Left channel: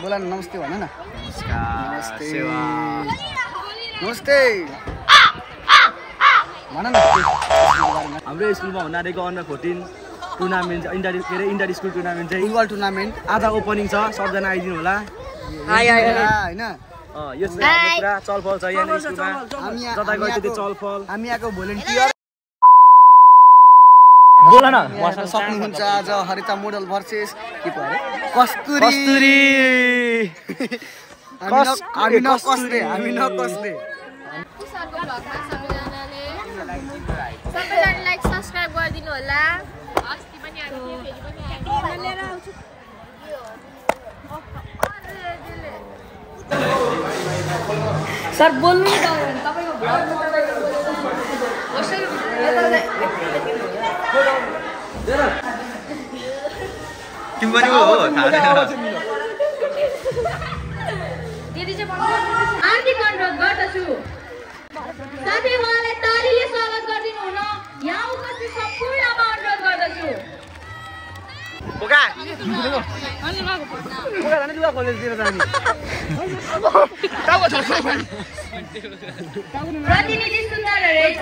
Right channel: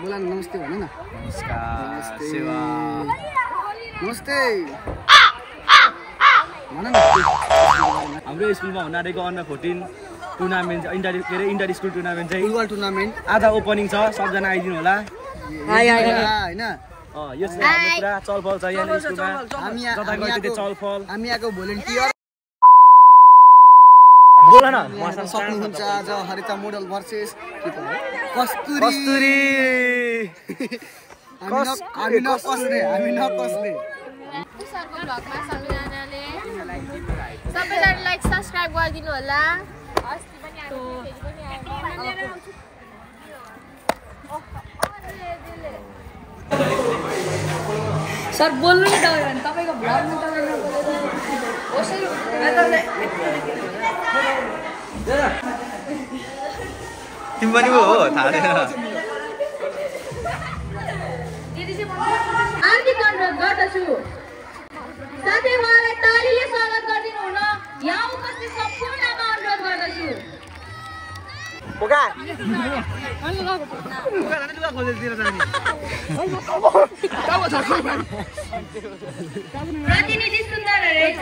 बोला न नमस्ते भन न नमस्कार सेवा नमस्ते भन न हाम्रो स्कुलमा हुन आँटेको under 14 tournament inter school tournament चाहिँ फुटबल टुर्नामेन्ट आज ओपनिङ छ सबजना आइदिनु होला हैन यो चाहिँ पुरा चलफल छ यहाँ स्कुलमा हामी यहाँको भोलिन्टियर बोल न सक्नुहुन्छ आज हरिता मोडल भर्सेस के भयो कस्तुरी हामी नकस्ने सबैजनाले लाइक सब्स्क्राइब गरिदिनु होला अस्ति पनि हामी सर बोल्नु नि तपाईको तिमी पनि हो थाहा छैन दिदी चाहिँ हार्दिक अनुरोध गर्दछु साथीहरूलाई तालीले स्वागत गरिदिनु हुन यहाँ उपस्थित सम्पूर्णमा अनुरोध गर्दछु प्रतिनिधि सुन्दर रहेछ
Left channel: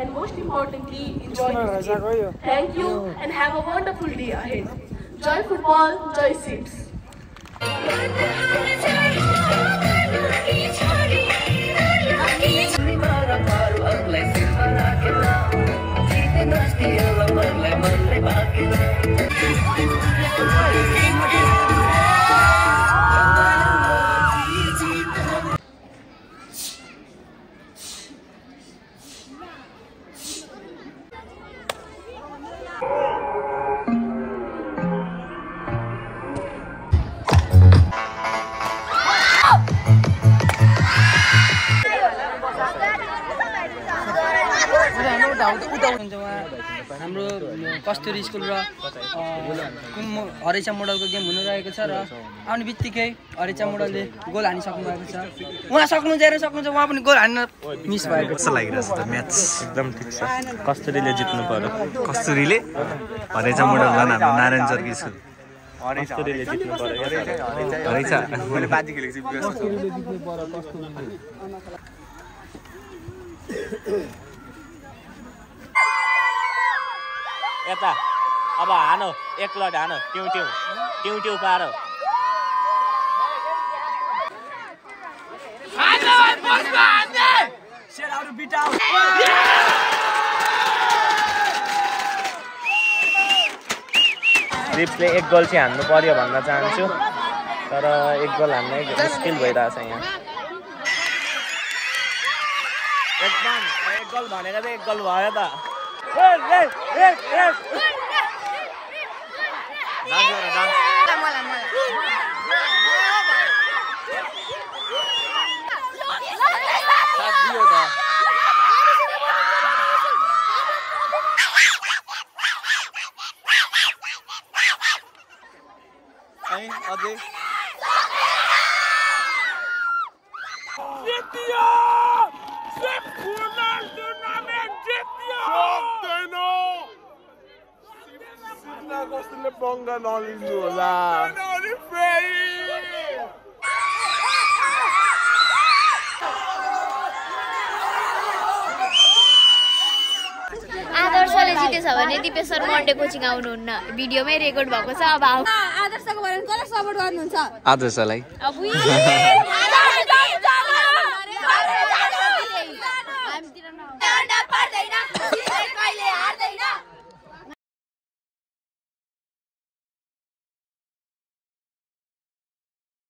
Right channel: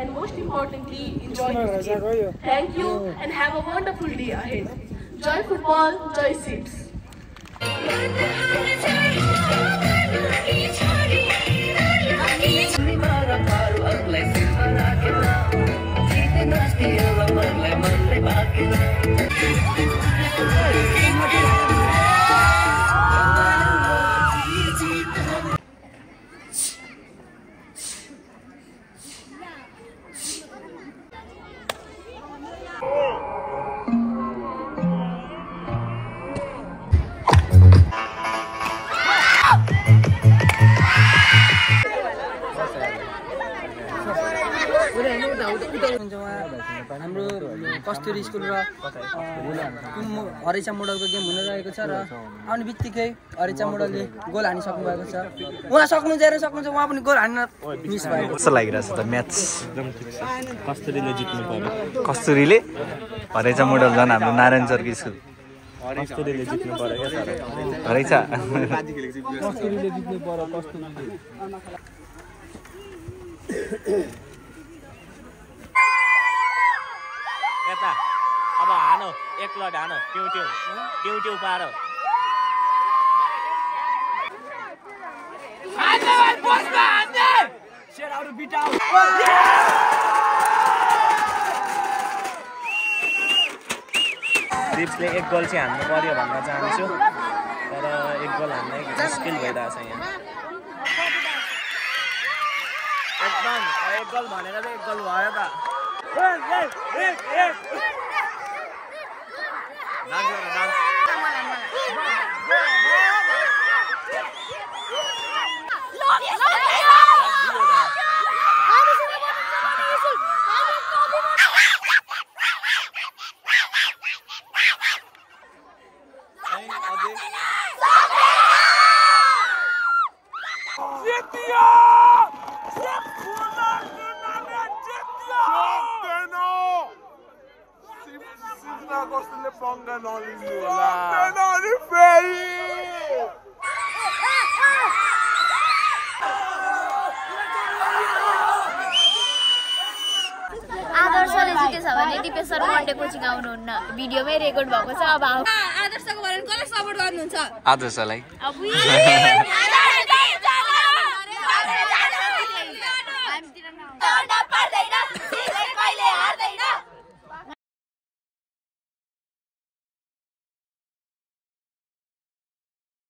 and most importantly enjoy this game. Thank you and have a wonderful day ahead. Joy football, joy seats. हाम्रो कस्तुरी स्कुल र हरेचा मोडलको गेम हुन रहेको छ र आउने बित्तिकै हरेचा मोडलले गोल हानिसक्नु भएको छ उहाँ सक्नुहुन्छ उहाँ पनि गोल हान्न मिस भयो कस्तो लागिरहेछ त म्याच एकदम ठिक छ कस्तुरीले जित्नु पर्यो कस्तुरीले हरेचा मोडल झन् हाम्रो नारायण चर्की स्कुल कस्तुरीले जित्नु पर्यो हरेचा कस्तुरीले जित्नु पर्यो कस्तुरीले यता अब हानो एक लट हानो ट्यौ पार रिप्सले एक गोल चाहिँ हान्नु पर्यो भन्न चाहन्छु तर एक गोल हान्न मुस्किल भइरहेछ यहाँ एकदम एक गोल भनेको चाहिँ एक गोल भयो त आदर्शले जितेछ भने दिपेश्वर मन्डे कोचिङ आउनुहुन्न भिडियोमै रेकर्ड भएको छ अब आदर्शको बारेमा कसलाई सपोर्ट गर्नुहुन्छ आदर्शलाई